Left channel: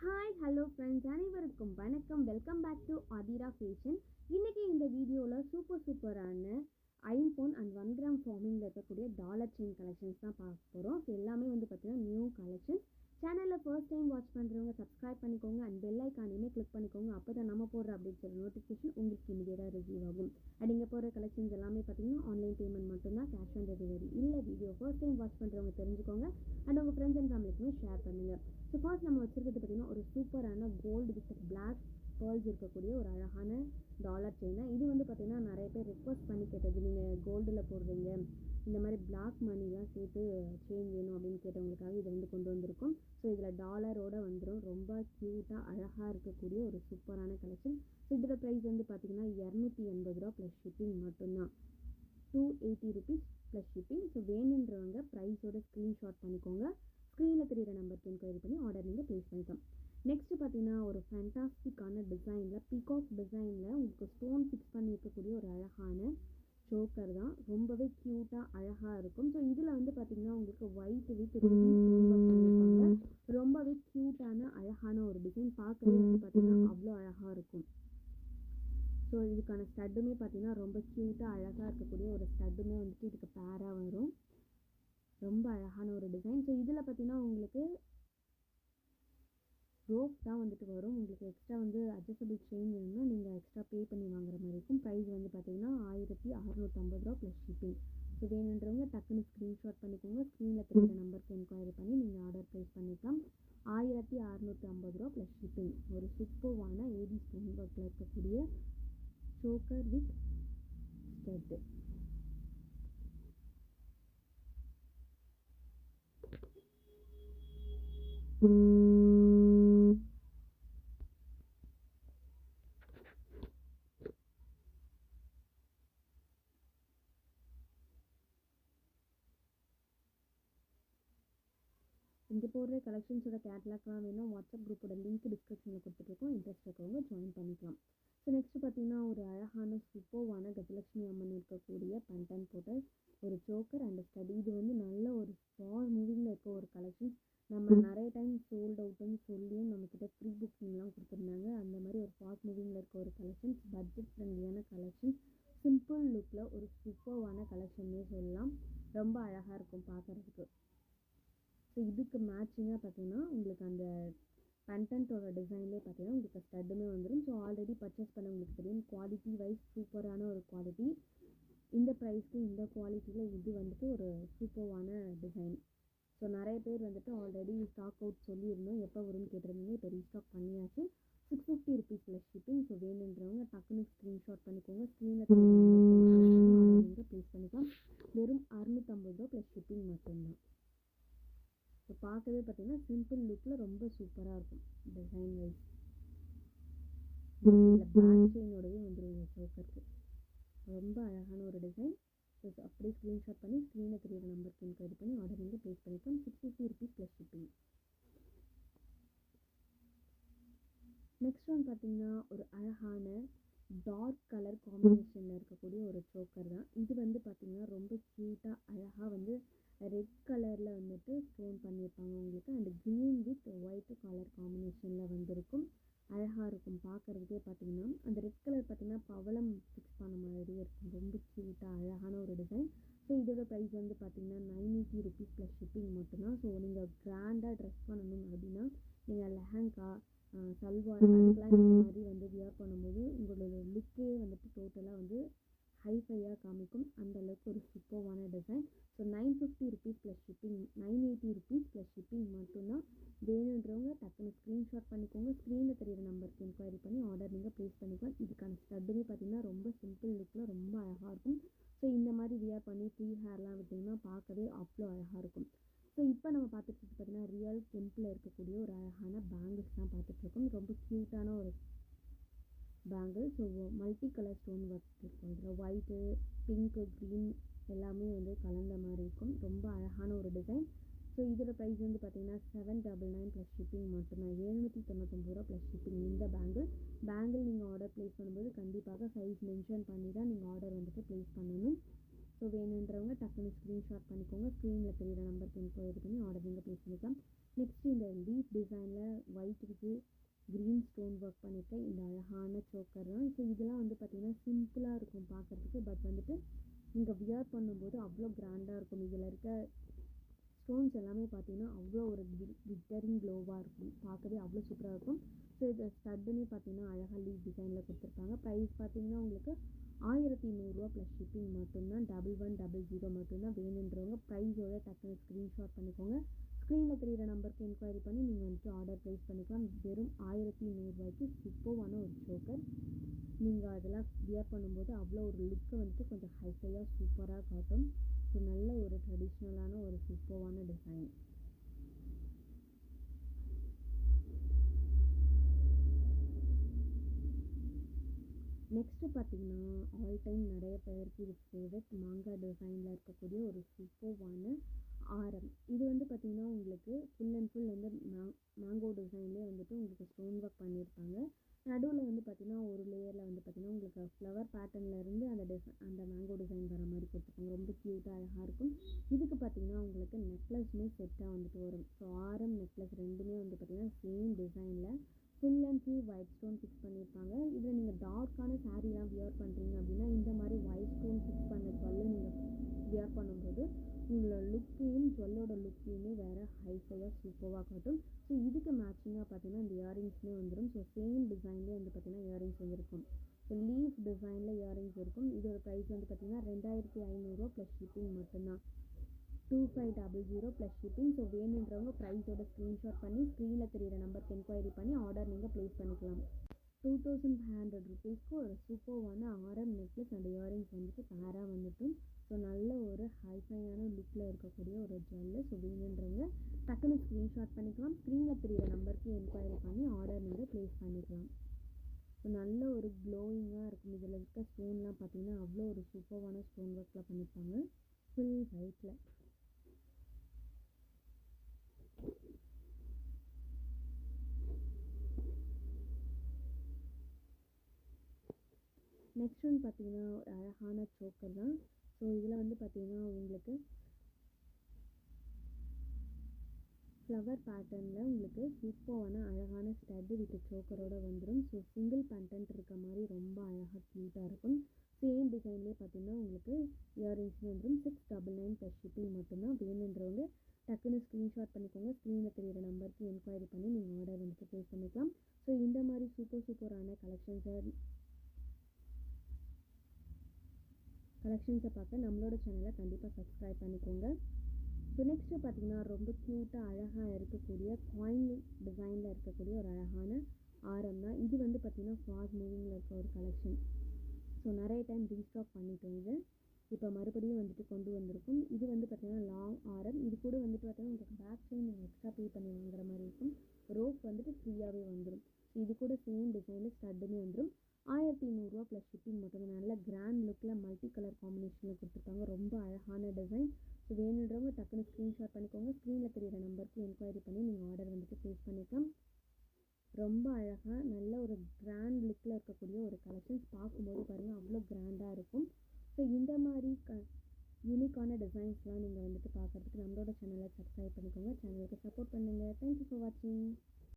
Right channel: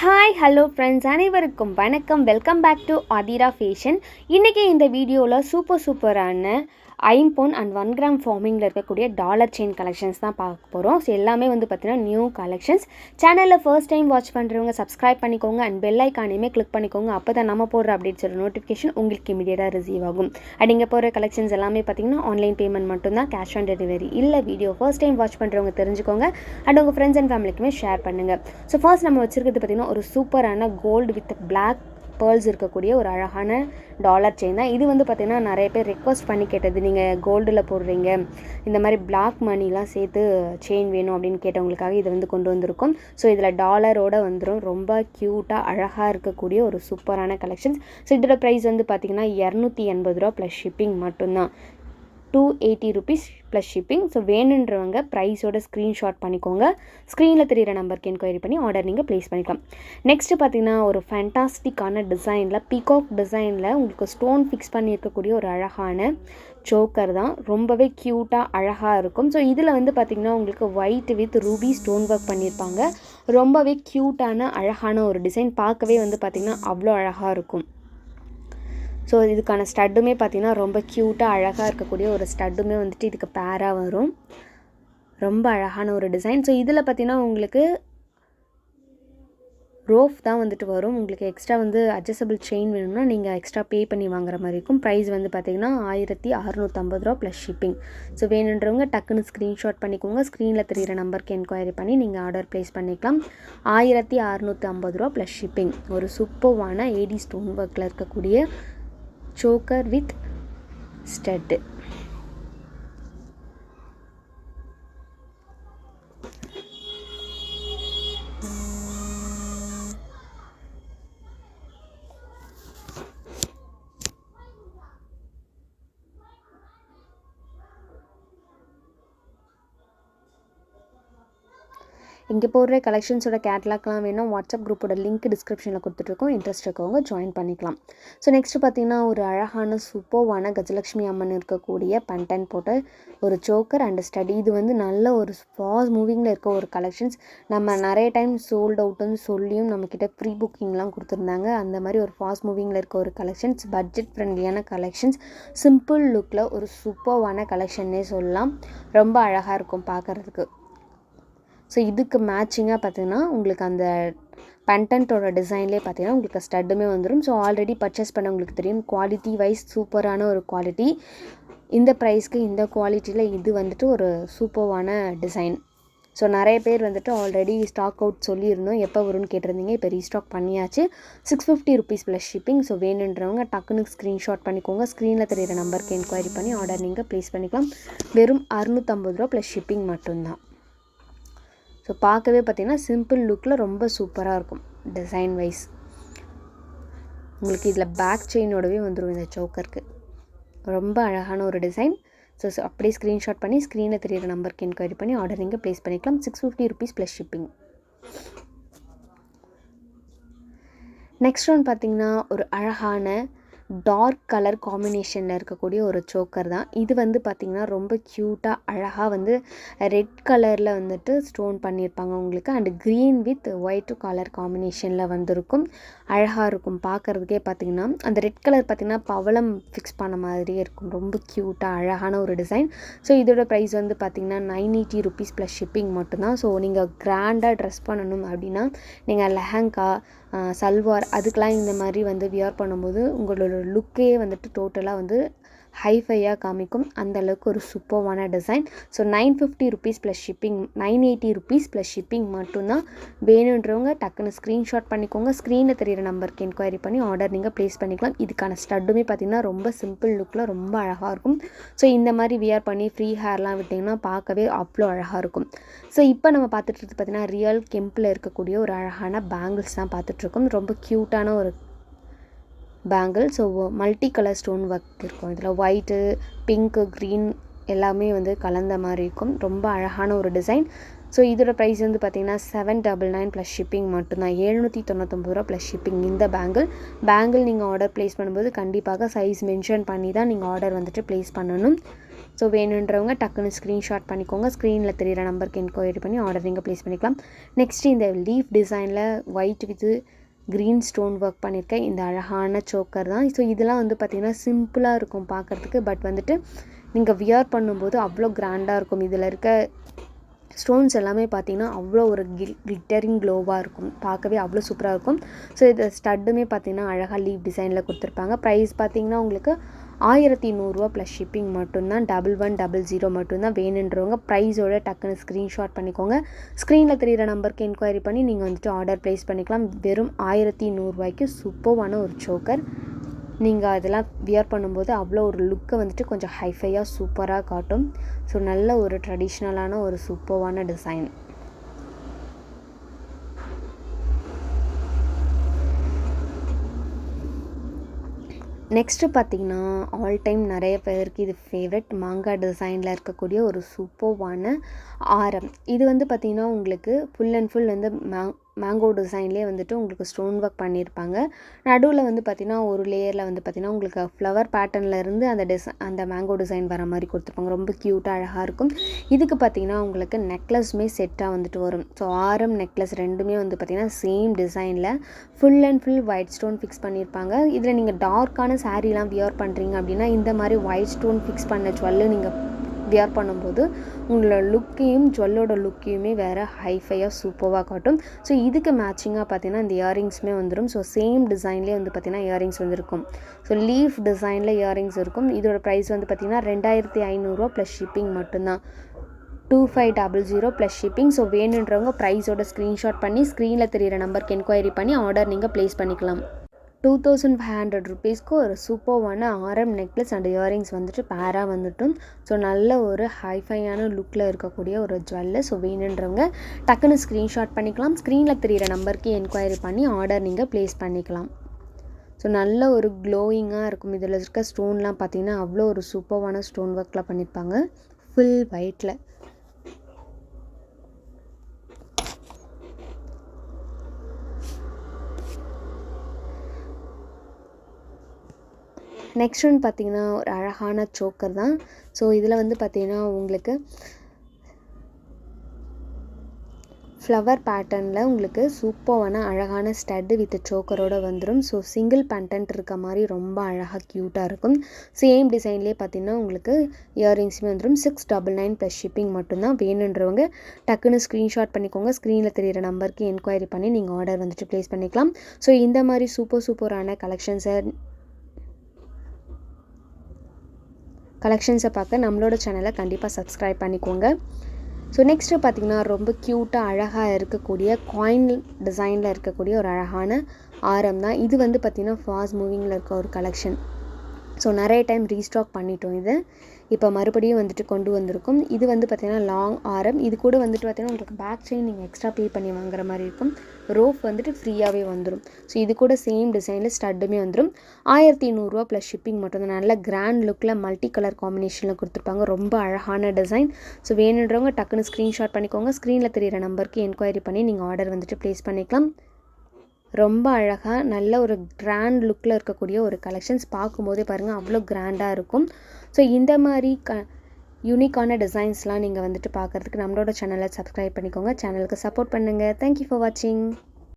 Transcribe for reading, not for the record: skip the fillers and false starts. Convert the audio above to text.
Hi hello friends, அனைவருக்கும் வணக்கம். Welcome back to Athira fashion. இன்றைக்கி இந்த வீடியோவில் சூப்பரான ஐம்பொன் அண்ட் 1 கிராம் ஃபார்மிங்கில் இருக்கக்கூடிய டாலர் செயின் கலெக்ஷன்ஸ் தான் பார்க்க போகிறோம். ஸோ எல்லாமே வந்து பார்த்திங்கன்னா நியூ கலெக்ஷன்ஸ். சேனலில் ஃபர்ஸ்ட் டைம் வாட்ச் பண்ணுறவங்க சப்ஸ்கிரைப் பண்ணிக்கோங்க அண்ட் பெல் ஐக்கானையுமே கிளிக் பண்ணிக்கோங்க. அப்போ தான் நம்ம போடுற அப்டேட்ஸோட நோட்டிஃபிகேஷன் உங்களுக்கு இமீடியட்டாக ரிசீவ் ஆகும். அண்ட் இங்கே போகிற கலெக்ஷன்ஸ் எல்லாமே பார்த்திங்கன்னா ஆன்லைன் பேமெண்ட் மட்டும்தான், கேஷ் ஆன் டெலிவரி இல்லை. வீடியோ ஃபர்ஸ்ட் டைம் வாட்ச் பண்ணுறவங்க தெரிஞ்சுக்கோங்க அண்ட் உங்கள் ஃப்ரெண்ட்ஸ் அண்ட் ஃபேமிலிக்குமே ஷேர் பண்ணுங்கள். ஸோ ஃபர்ஸ்ட் நம்ம வச்சுருக்கிறது பார்த்திங்கன்னா ஒரு சூப்பரான கோல்டு வித் பிளாக் பேர்ல்ஸ் இருக்கக்கூடிய ஒரு அழகான டாலர் செயின் தான். இது வந்து பார்த்திங்கன்னா நிறைய பேர் ரெக்வஸ்ட் பண்ணி கேட்டது. நீங்கள் கோல்டில் போடுறீங்க, இந்த மாதிரி பிளாக் மணிலாம் சேர்த்து செயின் வேணும் அப்படின்னு கேட்டவங்களுக்காக இது வந்து கொண்டு வந்திருக்கோம். ஸோ இதில் டாலரோடு வந்துடும். ரொம்ப க்யூட்டாக அழகாக இருக்கக்கூடிய ஒரு சூப்பரான கலெக்ஷன்ஸ். ஸோ இதோட ப்ரைஸ் வந்து பார்த்திங்கன்னா 280 ரூபா ப்ளஸ் ஷிப்பிங் மட்டும்தான். 280 rupees ப்ளஸ் ஷிப்பிங். ஸோ வேணுன்றவங்க ப்ரைஸோட ஸ்க்ரீன்ஷாட் பண்ணிக்கோங்க. ஸ்க்ரீனில் தெரிகிற நம்பருக்கு என்கொயரி பண்ணி ஆர்டர் நீங்கள் ப்ளேஸ் பண்ணிக்கலாம். நெக்ஸ்ட்டு பார்த்திங்கன்னா ஒரு ஃபேண்டாஸ்டிக்கான டிசைனில் பீகாக் டிசைனில் உங்களுக்கு ஸ்டோன் ஃபிக்ஸ் பண்ணியிருக்கக்கூடிய ஒரு அழகான சோக்கர் தான். ரொம்பவே க்யூட்டாக அழகாக இருக்கும். ஸோ இதில் வந்து பார்த்திங்கன்னா உங்களுக்கு white with Ruby stone work பண்ணியிருப்பாங்க. ரொம்பவே க்யூட்டான அழகான ஒரு டிசைன். பார்க்கவே வந்து பார்த்திங்கன்னா அவ்வளோ அழகாக இருக்கும். ஸோ இதுக்கான ஸ்டட்டுமே பார்த்திங்கன்னா ரொம்ப க்யூட்டாக அழகாக இருக்கக்கூடிய ஒரு ஸ்டட்டுமே வந்துட்டு இதுக்கு பேராக வரும். ரொம்ப அழகான ஒரு டிசைன். ஸோ இதில் பார்த்திங்கன்னா உங்களுக்கு ரோஃப் தான் வந்துட்டு வரும். உங்களுக்கு எக்ஸ்ட்ரா வந்து அட்ஜஸ்டபிள் செயின் வேணும்னா நீங்கள் எக்ஸ்ட்ரா பே பண்ணி வாங்குற மாதிரி இருக்கும். ப்ரைஸ் வந்து பார்த்திங்கன்னா 1650 ரூபா ப்ளஸ் ஷிப்பிங். ஸோ வேணுன்றவங்க டக்குன்னு ஸ்க்ரீன்ஷாட் பண்ணிக்கோங்க. ஸ்க்ரீனில் தெரிகிற நம்பருக்கு என்கொயரி பண்ணி நீங்கள் ஆர்டர் ப்ளேஸ் பண்ணிக்கலாம். 1650 ரூபா ப்ளஸ் ஷிப்பிங். ஒரு சூப்பர்வான ஏடி ஸ்டோன் ஒர்க்கில் இருக்கக்கூடிய சோக்கர் வித் ஸ்டட். இங்கே போடுற கலெக்ஷன்ஸோட கேட்லாக்லாம் வேணும். வாட்ஸ்அப் குரூப்போட லிங்க் டிஸ்கிரிப்ஷனில் கொடுத்துட்ருக்கோம். இன்ட்ரெஸ்ட் இருக்கவங்க ஜாயின் பண்ணிக்கலாம். ஸோ நெக்ஸ்ட்டு பார்த்திங்கன்னா ஒரு அழகான சூப்பர்வான கஜலட்சுமி அம்மன் இருக்கக்கூடிய பண்டன் போட்ட ஒரு சோக்கர் அண்ட் ஸ்டடி. இது வந்து நல்ல ஒரு ஃபாஸ்ட் மூவிங்கில் இருக்க ஒரு கலெக்ஷன்ஸ். நம்ம நிறைய டைம் சோல்ட் அவுட்டுன்னு சொல்லியும் நம்மக்கிட்ட ப்ரீ புக்கிங்லாம் கொடுத்துருந்தாங்க. அந்த மாதிரி ஒரு ஃபாஸ்ட் மூவிங்கில் இருக்க ஒரு கலெக்ஷன்ஸ். பட்ஜெட் ஃப்ரெண்ட்லியான கலெக்ஷன்ஸ். சிம்பிள் லுக்கில் ஒரு சூப்பர்வான கலெக்ஷன்னே சொல்லலாம். ரொம்ப அழகாக இருக்கும் பார்க்குறதுக்கு. ஸோ இதுக்கு மேட்சிங்காக பார்த்திங்கன்னா உங்களுக்கு அந்த பெண்டன்ட்டோட டிசைன்லேயே பார்த்திங்கன்னா உங்களுக்கு ஸ்டட்டுமே வந்துடும். ஸோ ஆல்ரெடி பர்ச்சேஸ் பண்ண உங்களுக்கு தெரியும். குவாலிட்டி வைஸ் சூப்பரான ஒரு குவாலிட்டி. இந்த ப்ரைஸ்க்கு இந்த குவாலிட்டியில் இது வந்துட்டு ஒரு சூப்பர்வான டிசைன். ஸோ நிறைய பேர் வந்துட்டு ஆல்ரெடி ஸ்டாக் அவுட் சொல்லியிருந்தோம், எப்போ வரும்னு கேட்டிருந்தீங்க. இப்போ ரீஸ்டாக் பண்ணியாச்சு. 650 rupees ப்ளஸ் ஷிப்பிங். ஸோ வேணுன்றவங்க டக்குன்னு ஸ்க்ரீன்ஷாட் பண்ணிக்கோங்க. ஸ்க்ரீனில் தெரிகிற நம்பருக்கு என்கொயரி பண்ணி ஆர்டர் நீங்கள் ப்ளேஸ் பண்ணிக்கலாம். வெறும் 650 ரூபா ப்ளஸ் ஷிப்பிங் மட்டும்தான். ஸோ பார்க்கவே பார்த்திங்கன்னா சிம்பிள் லுக்கில் ரொம்ப சூப்பராக இருக்கும் டிசைன் வைஸ். உங்களுக்கு இதில் பேக் செயினோடவே வந்துடும் இந்த சோக்கருக்கு. ரொம்ப அழகான ஒரு டிசைன். ஸோ அப்படியே ஸ்க்ரீன்ஷாட் பண்ணி ஸ்க்ரீனில் தெரியிற நம்பருக்கு என்கொயரி பண்ணி ஆர்டர் நீங்கள் ப்ளேஸ் பண்ணிக்கலாம். 650 rupees plus shipping. Next one பார்த்திங்கன்னா ஒரு அழகான டார்க் கலர் காம்பினேஷனில் இருக்கக்கூடிய ஒரு சோக்கர் தான். இது வந்து பார்த்திங்கன்னா ரொம்ப க்யூட்டாக அழகாக வந்து ரெட் கலரில் வந்துட்டு ஸ்டோன் பண்ணியிருப்பாங்க உங்களுக்கு. And green with white colour காம்பினேஷனில் வந்திருக்கும். அழகாக இருக்கும் பார்க்குறதுக்கே. பார்த்திங்கன்னா அந்த ரெட் கலர் பார்த்திங்கன்னா பவளம் ஃபிக்ஸ் பண்ண மாதிரியே இருக்கும். ரொம்ப க்யூட்டாக அழகான ஒரு டிசைன். ஸோ இதோட ப்ரைஸ் வந்து பார்த்திங்கன்னா 980 rupees ப்ளஸ் ஷிப்பிங் மட்டும்தான். ஸோ நீங்கள் கிராண்டாக ட்ரெஸ் பண்ணணும் அப்படின்னா நீங்கள் லெஹங்கா, சல்வார் அதுக்கெலாம் இந்த மாதிரி வந்து வியர் பண்ணும்போது உங்களோட லுக்கே வந்துட்டு டோட்டலாக வந்து ஹைஃபையாக காமிக்கும். அந்தளவுக்கு ஒரு சூப்பர்வான design. So 950 rupees plus shipping. 980 rupees plus shipping மட்டும்தான். வேணுன்றவங்க டக்குன்னு ஸ்க்ரீன்ஷாட் பண்ணிக்கோங்க. ஸ்க்ரீனில் தெரிகிற நம்பருக்கு என்கொயரி பண்ணி ஆர்டர் நீங்கள் ப்ளேஸ் பண்ணிக்கலாம். இதுக்கான ஸ்டட்டுமே பார்த்திங்கன்னா ரொம்ப சிம்பிள் லுக்கில் ரொம்ப அழகாக இருக்கும். ஸோ இந்த மாதிரி வியர் பண்ணி ஃப்ரீ ஹேர்லாம் விட்டிங்கன்னா பார்க்கவே அவ்வளோ அழகாக இருக்கும். ஸோ இப்போ நம்ம பார்த்துட்டு பார்த்திங்கன்னா ரியல் கெம்பில் இருக்கக்கூடிய ஒரு அழகான பேங்கிள்ஸ் தான் பார்த்துட்ருக்கோம். ரொம்ப க்யூட்டான ஒரு bangle. So multi colour stone work இருக்கும். இதில் ஒயிட்டு, பிங்க்கு, க்ரீன் எல்லாமே வந்து கலந்த மாதிரி இருக்கும். ரொம்ப அழகான ஒரு டிசைன். ஸோ இதோட ப்ரைஸ் வந்து பார்த்திங்கன்னா 799 ப்ளஸ் ஷிப்பிங் மட்டும்தான். 799 ரூபா ப்ளஸ் ஷிப்பிங். இந்த பேங்கிள் நீங்கள் ஆர்டர் ப்ளேஸ் பண்ணும்போது கண்டிப்பாக சைஸ் மென்ஷன் பண்ணி தான் நீங்கள் ஆர்டர் வந்துட்டு ப்ளேஸ் பண்ணணும். ஸோ வேணுன்றவங்க டக்குன்னு ஸ்க்ரீன்ஷாட் பண்ணிக்கோங்க. ஸ்க்ரீனில் தெரியிற நம்பருக்கு என்கொயரி பண்ணி ஆர்டர் நீங்கள் ப்ளேஸ் பண்ணிக்கலாம். நெக்ஸ்ட்டு இந்த லீஃப் டிசைனில் white with green stone work பண்ணியிருக்கேன் இந்த அழகான சோக்கர் தான். ஸோ இதெல்லாம் வந்து பார்த்திங்கன்னா சிம்பிளாக இருக்கும் பார்க்குறதுக்கு, பட் வந்துட்டு நீங்கள் வியர் பண்ணும்போது அவ்வளோ கிராண்டாக இருக்கும். இதில் இருக்க ஸ்டோன்ஸ் எல்லாமே பார்த்திங்கன்னா அவ்வளோ ஒரு கிளிட்டரிங் க்ளோவாக இருக்கும், பார்க்கவே அவ்வளோ சூப்பராக இருக்கும். ஸோ இது ஸ்டட்டுமே பார்த்திங்கன்னா அழகாக லீஃப் டிசைனில் கொடுத்துருப்பாங்க. ப்ரைஸ் பார்த்திங்கன்னா உங்களுக்கு 1100 ப்ளஸ் ஷிப்பிங் மட்டும்தான். 1100 மட்டும்தான். வேணுன்றவங்க ப்ரைஸோட டக்குன்னு ஸ்க்ரீன்ஷாட் பண்ணிக்கோங்க. ஸ்க்ரீனில் தெரிகிற நம்பருக்கு என்கொயரி பண்ணி நீங்கள் வந்துட்டு ஆர்டர் ப்ளேஸ் பண்ணிக்கலாம். வெறும் 1100 சூப்பர்வான ஒரு சோக்கர். நீங்கள் அதெல்லாம் வியர் பண்ணும்போது அவ்வளோ ஒரு லுக்கை வந்துட்டு கொஞ்சம் ஹைஃபையாக சூப்பராக காட்டும். ஸோ நல்ல ஒரு ட்ரெடிஷ்னலான ஒரு சூப்பர்வான டிசைன். நெக்ஸ்ட்டு பார்த்திங்கன்னா ஆல் டைம் நிறைய பேருக்கு இது ஃபேவரட் மாங்காய் டிசைனில் இருக்கக்கூடிய ஒரு சூப்பர்வான ஆரம். இது வந்து பார்த்திங்கன்னா உங்களுக்கு ஃபுல் அண்ட் ஃபுல் வந்து மேங்கோ டிசைன்லேயே வந்துட்டு உங்களுக்கு ஸ்டோன் ஒர்க் பண்ணியிருப்பாங்க. நடுவில் வந்து பார்த்திங்கன்னா ஒரு லேயரில் வந்து பார்த்திங்கன்னா உங்களுக்கு ஃப்ளவர் பேட்டர்ன்லேருந்து அந்த மேங்கோ டிசைன் வர மாதிரி கொடுத்துருப்பாங்க. ரொம்ப க்யூட்டாக அழகாக இருக்கும். இதுக்கு பார்த்திங்கன்னா உங்களுக்கு நெக்லஸுமே செட்டாக வந்துட்டு வரும். ஸோ ஆரம் நெக்லஸ் ரெண்டுமே வந்து பார்த்திங்கன்னா சேம் டிசைனில் full and full white stone fix பண்ணியிருப்பாங்க. இதில் நீங்கள் டார்க்கான சாரீலாம் வியர் பண்ணுறீங்க அப்படின்னா இந்த மாதிரி ஒயிட் ஸ்டோன் ஃபிக்ஸ் பண்ண ஜுவல்லு நீங்கள் வியர் பண்ணும்போது உங்களோட லுக்கையும் ஜுவல்லோட லுக்கையுமே வேறு ஹைஃபையாக சூப்பராக காட்டும். ஸோ இதுக்கு மேட்சிங்காக பார்த்தீங்கன்னா இந்த இயரிங்ஸுமே வந்துடும். ஸோ சேம் டிசைன்லேயே வந்து பார்த்திங்கன்னா இயரிங்ஸ் வந்துருக்கும். ஸோ லீஃப் டிசைனில் இயரிங்ஸ் இருக்கும். இதோட ப்ரைஸ் வந்து பார்த்திங்கன்னா 2500 ப்ளஸ் ஷிப்பிங் மட்டும்தான். 2500 ப்ளஸ் ஷிப்பிங். ஸோ வேணுன்றவங்க ப்ரைஸோட ஸ்க்ரீன்ஷாட் பண்ணி ஸ்க்ரீனில் தெரிகிற நம்பருக்கு என்கொயரி பண்ணி ஆர்டர் நீங்கள் ப்ளேஸ் பண்ணிக்கலாம். 2500 ருபீஸ்க்கு ஒரு சூப்பர்வான ஆரம் நெக்லஸ் அண்ட் இயரிங்ஸ் வந்துட்டு பேராக வந்துட்டும். ஸோ நல்ல ஒரு ஹைஃபையான லுக்கில் இருக்கக்கூடிய ஒரு ஜுவல்லு. ஸோ வேணுன்றவங்க டக்குன்னு ஸ்க்ரீன்ஷாட் பண்ணிக்கலாம். ஸ்க்ரீனில் தெரிகிற நம்பருக்கு என்கொயரி பண்ணி ஆர்டர் நீங்கள் ப்ளேஸ் பண்ணிக்கலாம். ஸோ நல்ல ஒரு க்ளோயிங்காக இருக்கும். இதில் இருக்க ஸ்டோன்லாம் பார்த்திங்கன்னா அவ்வளோ ஒரு சூப்பர்வான ஸ்டோன் ஒர்க்லாம் பண்ணியிருப்பாங்க ஃபுல் ஒயிட்டில். நெக்ஸ்ட் ஒன் பார்த்திங்கன்னா ஒரு அழகான சோக்கர் தான். ஸோ இதில் வந்து பார்த்திங்கன்னா உங்களுக்கு ஃப்ளவர் பேட்டர்னில் உங்களுக்கு சூப்பரான அழகான ஸ்டட்டு வித் சோக்கரோடு வந்துடும். ஸோ சிங்கிள் பேண்டன்ட் இருக்க மாதிரி ரொம்ப அழகாக க்யூட்டாக இருக்கும். சேம் டிசைன்லேயே பார்த்திங்கன்னா உங்களுக்கு இயரிங்ஸுமே வந்துடும். 699 ப்ளஸ் ஷிப்பிங் மட்டும்தான். வேணுன்றவங்க டக்குன்னு ஸ்க்ரீன்ஷாட் பண்ணிக்கோங்க. ஸ்க்ரீனில் தெரிகிற நம்பருக்கு என்கொயரி பண்ணி நீங்கள் ஆர்டர் வந்துட்டு ப்ளேஸ் பண்ணிக்கலாம். ஸோ இந்த மாதிரி சூப்பரான கலெக்ஷன்ஸை பார்க்க நம்மளோட சேனலை கண்டிப்பாக சப்ஸ்கிரைப் பண்ணிக்கோங்க. ஸோ நெக்ஸ்ட்டு பார்த்திங்கன்னா ரொம்ப க்யூட்டாக அழகாக இருக்கக்கூடிய காயின் டிசைனில் இருக்கக்கூடிய ஒரு அழகான ஆரம் தான். இது வந்து பார்த்திங்கன்னா ஃபாஸ்ட் மூவிங்கில் இருக்க ஒரு கலெக்ஷன். ஸோ நிறைய டைம் ரீஸ்டாக் பண்ணிட்டோம். இது இப்போ மறுபடியும் வந்துட்டு கொண்டு வந்திருக்கும். இது வந்து பார்த்திங்கன்னா லாங் ஆரம். இது கூட வந்துட்டு பார்த்திங்கன்னா உங்களுக்கு பேக் செயின் நீங்கள் எக்ஸ்ட்ரா பே பண்ணி வாங்குற மாதிரி இருக்கும். ரோப் வந்துட்டு ஃப்ரீயாகவே வந்துடும். ஸோ இது கூட சேம் டிசைனில் ஸ்டட்டுமே வந்துடும். 1100 ப்ளஸ் ஷிப்பிங் மட்டும். நல்ல கிராண்ட் லுக்கில் மல்டி கலர் காம்பினேஷனில் கொடுத்துருப்பாங்க. ரொம்ப அழகான டிசைன். ஸோ வேணுன்றவங்க டக்குன்னு ஸ்க்ரீன்ஷாட் பண்ணிக்கோங்க. ஸ்க்ரீனில் தெரிகிற நம்பருக்கு என்கொயரி பண்ணி நீங்கள் ஆர்டர் வந்துட்டு ப்ளேஸ் பண்ணிக்கலாம். ரொம்ப அழகாக நல்ல ஒரு கிராண்ட் லுக்கில் இருக்கக்கூடிய ஒரு கலெக்ஷன்ஸ். பார்க்கும்போதே பாருங்கள் அவ்வளோ கிராண்டாக இருக்கும். ஸோ இந்த மாதிரி யூனிக்கான டிசைன்ஸ்லாம் நீங்கள் வந்துட்டு பார்க்குறதுக்கு நம்மளோட சேனலை சப்ஸ்கிரைப் பண்ணிக்கோங்க. சேனலுக்கு சப்போர்ட் பண்ணுங்கள். தேங்க்யூ ஃபார் வாட்சிங்.